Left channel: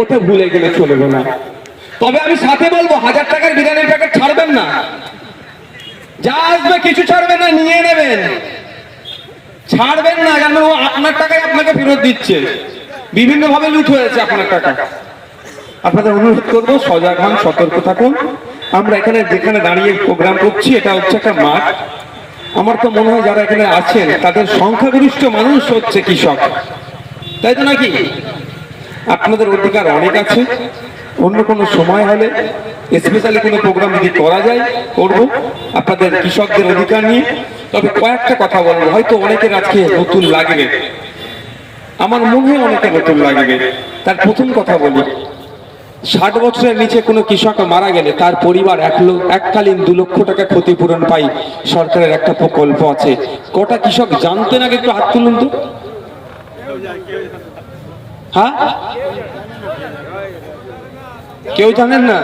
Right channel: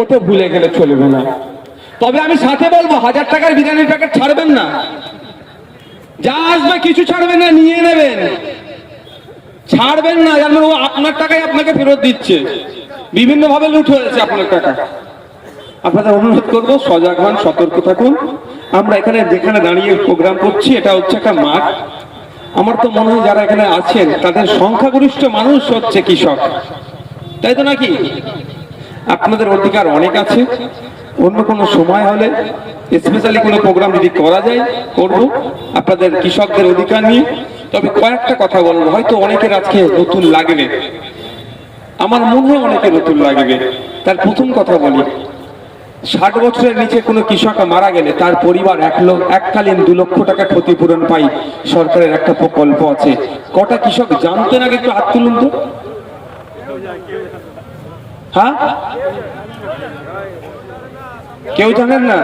ওতে ভুলে গেলে চলবে না। তবে আমি সাথে বলব, হাজার টাকার বিরিয়ানির প্যাকেট ছাড়বেন না। যা আসবে কিছু ছাড়বেন না, নিয়ে নেবেন। ছাড়বেন না, যেন ও আপনার টাকায় আপনাকে ফেরত দিচ্ছে। বিভিন্ন ভাবে লুট হয়েছে আপনার টাকা। আপনাদের অনুরোধ করব, সজাগ হন, সতর্ক থাকুন। আমরা এখানে যেখানে দাঁড়িয়ে প্রোগ্রাম করছি, এটা হচ্ছে একটা মাঠ। আমার তো মনে হয় যারা এখানে আছেন, তাদের সংখ্যাগরিষ্ঠ মানুষ হচ্ছে কৃষক। তাই তো নাকি? আপনাদের অধিকার অনেক আছে। অন্য কোনো সময় হলে স্পেশালি কোনো প্রোগ্রাম যদি করা যায়, করব। আপনাদের কৃষকদের অধিকার নিয়ে। তবে কয়েকটা কথা বলব। হয়তো অনেকের আজকে নতুন লাগবে। আমার মনে অনেকের নতুন লাগবে। তার প্রথম কথা বলি। ষাট বছরের নিচে কোনো কৃষক মারা গেলে তার পরিবার এক এককালীন দু লক্ষ টাকা ক্ষতিপূরণ পাই সরকারের একটা প্রকল্প আছে। কটা কৃষক জানতেন আগে একটু তো। হ্যাঁ? কেউ জানেন না?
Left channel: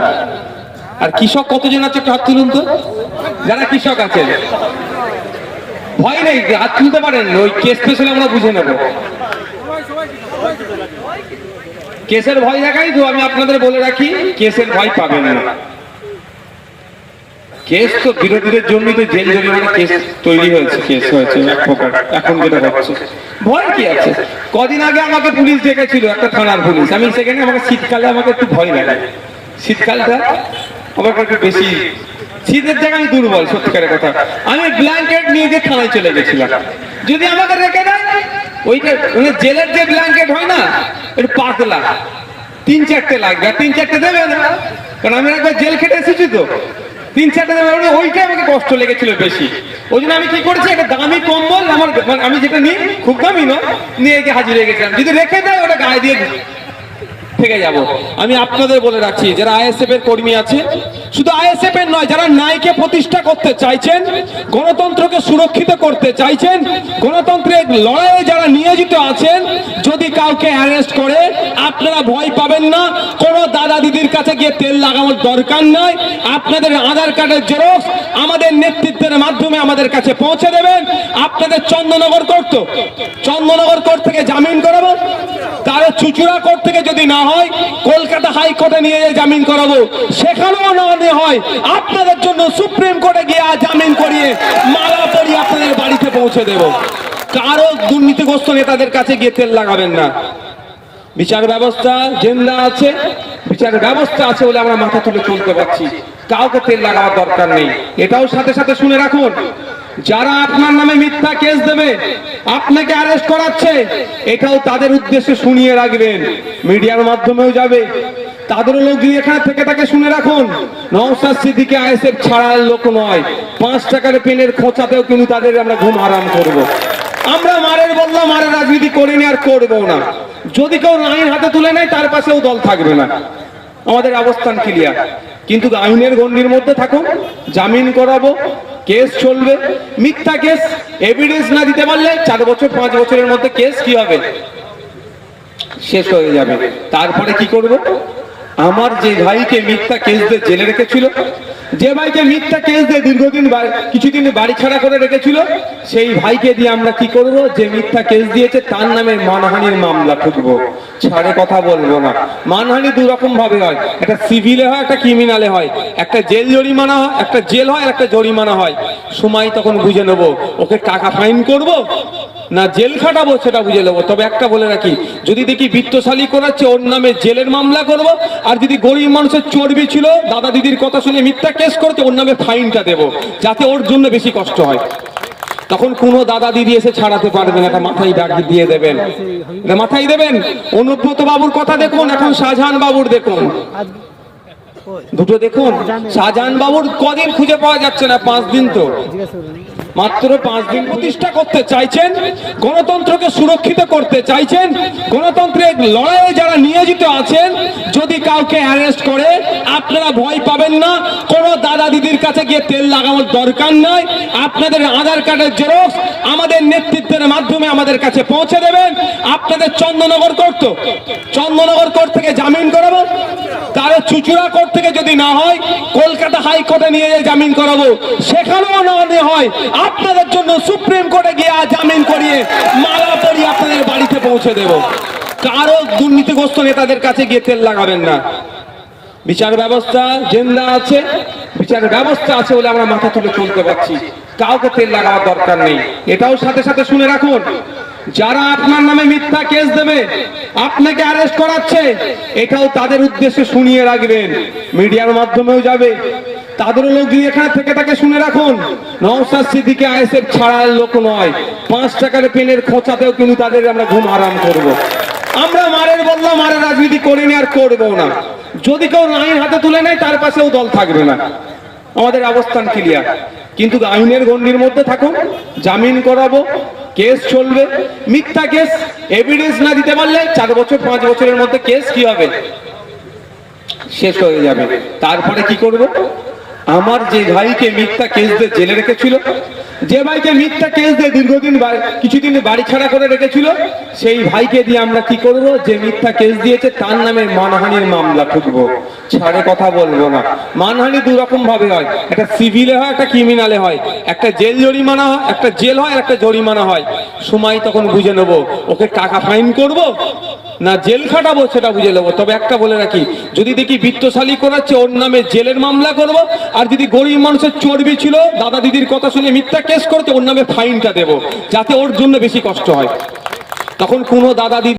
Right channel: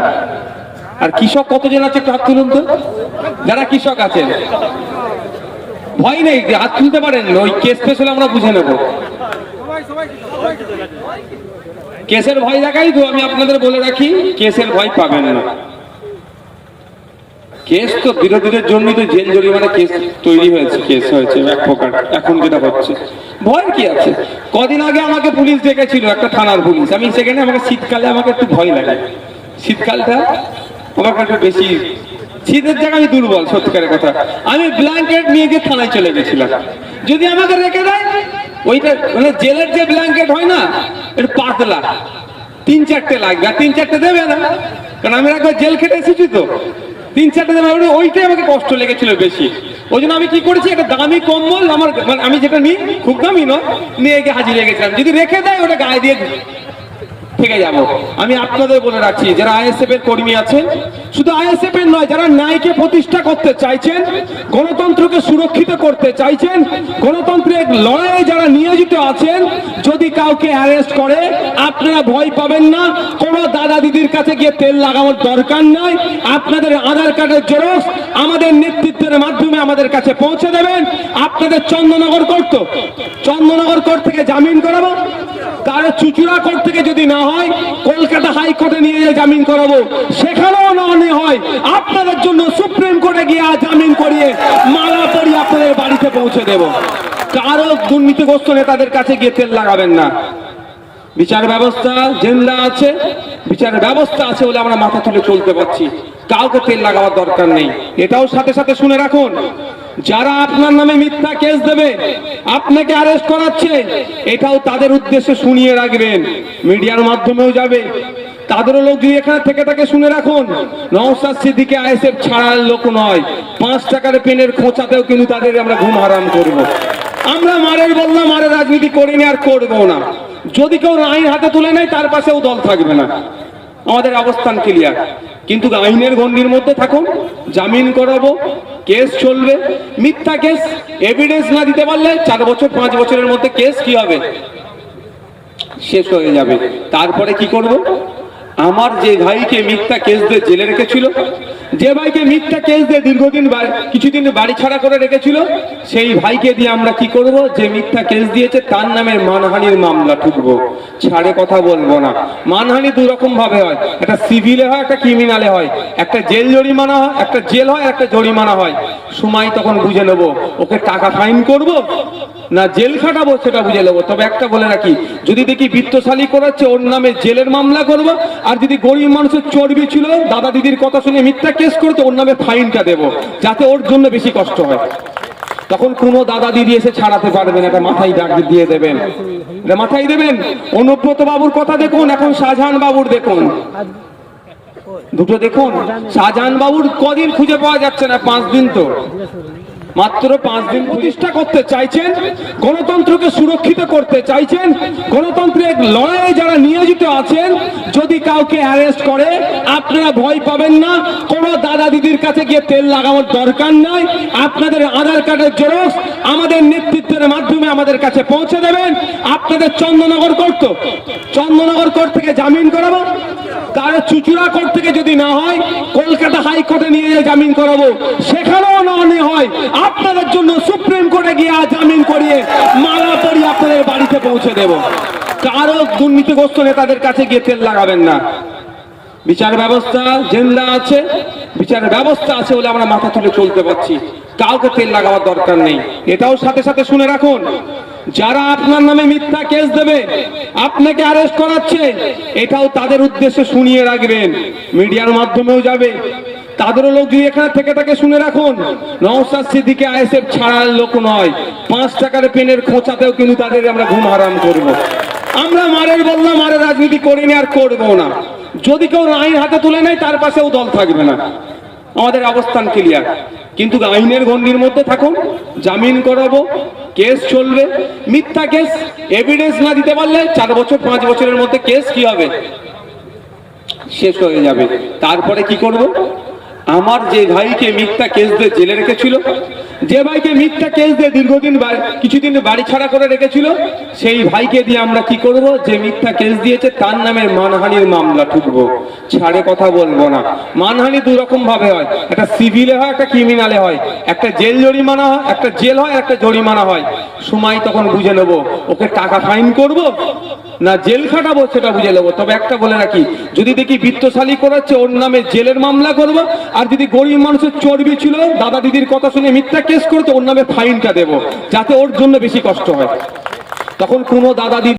আর কৃষক কতজন আছে একটু হাত তুলুন তো। যারা কৃষক আছেন। ভয় নেই, হাত তুলতে পারেন। ওই কেস পেছনে আমরা বুঝে নেব। কেসের ভয় দেখাই তো, আমি আপনাদের বলে রাখি, কেসের ভয় পাবেন না। কেস তো বিরোধীদের জন্যই তো জেল জরিমানা কেস তৈরি হয়েছে, কেস হয়েছে এখন যেটা হচ্ছে, ভয় কি আছে? কদিন আগে আমাকে পুলিশ ডেকেছিল, একটা থানার পুলিশ। আমি সেখানে আমাকে শীতকালে আমাকে একটু ভয় লাগে। শীতকালটা আমার একটু বেশি, শীতের জায়গায় আমি দুর্বল, সত্যিকারের কথা। আমি ব্ল্যাঙ্কেট নিয়ে গিয়ে থানায় চলে গেছিলাম। যদি আমাকে রেখে দেয়, ওইটা মানে জেলের যে ব্ল্যাঙ্কেট হয় না একটু পাতলা। তিন চারটে লাগবে আর তিন চারটে দেবে না। কারণ আমি একবার জেল খেটে এসেছি তো। তিন, চারটা জামা ওইটাই আমাকে কষ্ট লেগেছিল বেশি। ওই জন্য আমি কি করেছি, একটা দামি কম্বল আমার মানে আমি যেটা নিই, খুব দামি নয়, নিয়ে গিয়ে হাজির গেছিলাম। যদি রেখে দেয়, ওটা গায়ে দিয়ে থেকে যাব। আমি আপনাদের বলে রাখছি, যারা আইএসএফ এর কর্মী আছেন শুধু আইএসএফ এর নয়, যারা ন্যায়কে প্রতিষ্ঠা করতে চাইছেন, গণতন্ত্রকে সুরক্ষিত করতে চাইছেন, গণতন্ত্রের লড়াইয়ে যারা নিয়োজিত আছেন, যদি কাউকে অ্যারেস্ট করে, আপনারা ভয় পাবেন না। কোনো দাদা দিদির কাছে গিয়ে তেল লাগানোর দরকার নাই। আপনাদের আধার কার্ডের জেরক্স আমাদের নেতৃত্বের মাধ্যমে আমাদের কাছে পৌঁছে দেবেন। আপনাদের চন্দ্রনগর কোর্ট তো। চন্দ্রনগর কোর্ট থেকে জামিন করাবো। চুচুড়া কোর্ট থেকে যদি না হয়, কলকাতা হাইকোর্টে নিয়ে গিয়ে জামিন করাবো। সেখানেও না হলে হয়, আপনাদের জন্য সুপ্রিম কোর্টে গিয়ে জামিন করিয়ে মালা পরিয়ে আপনাদের বাড়িতে পৌঁছে দেব। কারও দুর্নীতিগ্রস্ত নেতাদের কাছে গিয়ে তেল লাগাবেন না। বিচার ব্যবস্থা জেন্দা আছে, বিচার ব্যবস্থা আছে বলে আমরা মাথা তুলে চলতে পারছি। কাউকে তেল লাগাবার দরকার নেই। এটাও সাথে সাথে শুনে রাখুন। যারা আপনার নামে মিথ্যা কেস দেবে, আপনাকে অ্যারেস্ট করাচ্ছে, এটাও তাদের উদ্দেশ্যে শুনিয়ে রাখবেন। মিডিয়ার মাধ্যমেও যাবে। তাদেরও লোক যদি এখানে থেকে থাকে শুনে রাখুন। নওসাদ সিদ্দিকে আইএসএফ ছাড়ার লোক নয়। পাঁচ টাকার পেনের খোঁচাতেও কিন্তু তাদের আমরা ঘুম হারাম করব। আমরা মারের বললাম, মারের রাজনীতি করিনি আর করব না। যদি কেউ আইন হাতে তুলে নেয়, তার পাশেও দল থাকবে না। আমাদের অবস্থান ক্লিয়ার কিন্তু আইনের গণ্ডির মধ্যে থাকুন, জামিন করাবো, কেস চলবে, মিথ্যা কেস এভিডেন্স না দিতে পারলে চার বছর, পাঁচ বছরের মধ্যে কেস কি হবে? শেষ হয়ে যাবে। তারপরে কি করব? আমার যে ভাইকে মিথ্যা কেস দিয়ে জেলে রেখেছিল যে ভাইকে মিথ্যা কেস দিয়ে দীর্ঘদিন কিছুদিন বাড়ি ছাড়া করে রেখেছিল, সেই ভাইকে দিয়ে আমরা কি করব? যে মিথ্যা কেস দিয়েছে, তার নামে মানহানির মামলা ঠুকবো। ছাড়ে কথা বলব না। মানহানি দু রকম ভাবে হয়। একটা সিভিলে হয়, একটা ক্রিমিনালে হয়। একটা জেল জরিমানা হয়, একটা জেল হয় একটা জরিমানা হয়। সময় তখন বুঝে নেব। ওকে টাকা ফাইন করব? না, জেল খাটাবো সেটা বুঝে নেব। তবে একটা বলে রাখি, যদি দেখি বৃত্তশালী করাচ্ছে, ওর নামে জেলের মামলা করব, আর যদি গরিব মানুষের চর্বি ছিল, দাদা দিদির কথা শুনে মিথ্যা কেস করেছে, ওর নামে ফাইনটা দেবো, যাতে ওর জন্য বেশি কষ্ট হয়। তখন কোনো দাদা দিদি এসে ছাড়াতে পারবে না, এটা মাথায় ডাক দিয়ে দেবেন। মাথায় দেবেন? অনুব্রত বাবুর কথা দেখুন, এখন শাহজাহান বাবুর দেখুন। দুটো দেখুন, শাহজাহান বাবুর কদিন খুঁজে পাওয়া যাচ্ছে না, পাঁচ দিন তো। মাত্র পাঁচ দিন প্রতিষ্ঠা করতে চাইছেন, গণতন্ত্রকে সুরক্ষিত করতে চাইছেন, গণতন্ত্রের লড়াইয়ে যারা নিয়োজিত আছেন, যদি কাউকে অ্যারেস্ট করে, আপনারা ভয় পাবেন না, কোনো দাদা দিদির কাছে গিয়ে তেল লাগানোর দরকার নাই, আপনাদের আধার কার্ডের জেরক্স আমাদের নেতৃত্বের মাধ্যমে আমাদের কাছে পৌঁছে দেবেন। আপনাদের চন্দ্রনগর কোর্ট তো চন্দ্রনগর কোর্ট থেকে জামিন করাবো কারও চুচুড়া কোর্ট থেকে যদি না হয়, কলকাতা হাইকোর্টে নিয়ে জামিন করাবো, সেখানেও না হলে হয় আপনাদের জন্য সুপ্রিম কোর্টে গিয়ে জামিন করিয়ে মালা পরিয়ে আপনাদের বাড়িতে পৌঁছে দেব। কারও দুর্নীতিগ্রস্ত নেতাদের কাছে গিয়ে তেল লাগাবেন না। বিচার ব্যবস্থা জেন্দা আছে, বিচার ব্যবস্থা আছে বলে আমরা মাথা তুলে চলতে পারছি। কাউকে তেল লাগাবার দরকার নেই। এটাও সাথে সাথে শুনে রাখুন, যারা আপনার নামে মিথ্যা কেস দেবে, আপনাকে অ্যারেস্ট করাচ্ছে, এটাও তাদের উদ্দেশ্যে শুনিয়ে রাখবেন। মিডিয়ার মাধ্যমেও যাবে তাদেরও লোক যদি এখানে থেকে থাকে শুনে রাখুন। নওসাদ সিদ্দিকে আইএসএফ ছাড়ার লোক নয়। পাঁচ টাকার পেনের খোঁচাতেও কিন্তু তাদের আমরা ঘুম হারাম করব। আমরা মারের বললাম, মারের রাজনীতি করিনি আর করব না। যদি কেউ আইন হাতে তুলে নেয়, তার পাশেও দল থাকবে না। আমাদের অবস্থান ক্লিয়ার কিন্তু আইনের গণ্ডির মধ্যে থাকুন, জামিন করাবো, কেস চলবে। মিথ্যা কেস এভিডেন্স না দিতে পারলে চার বছর, পাঁচ বছরের মধ্যে কেস কি হবে? শেষ হয়ে যাবে। তারপরে কি করব? আমার যে ভাইকে মিথ্যা কেস দিয়ে জেলে রেখেছিল, যে ভাইকে মিথ্যা কেস দিয়ে দীর্ঘদিন কিছুদিন বাড়ি ছাড়া করে রেখেছিল, সেই ভাইকে দিয়ে আমরা কি করব? যে মিথ্যা কেস দিয়েছে, তার নামে মানহানির মামলা ঠুকবো। ছাড়ে কথা বলব না। মানহানি দু রকম ভাবে হয়। একটা সিভিলে হয়, একটা ক্রিমিনালে হয়। একটা জেল জরিমানা হয়, একটা জেল হয় একটা জরিমানা হয়। সময় তখন বুঝে নেব। ওকে টাকা ফাইন করব না জেল খাটাবো সেটা বুঝে নেব। তবে একটা বলে রাখি, যদি দেখি বৃত্তশালী করাচ্ছে, ওর নামে জেলের মামলা করব। আর যদি গরিব মানুষের চর্বি ছিল, দাদা দিদির কথা শুনে মিথ্যা কেস করছে, ওর নামে ফাইনটা দেবো। যাতে ওর জন্য বেশি কষ্ট হয়। তখন কোনো দাদা দিদি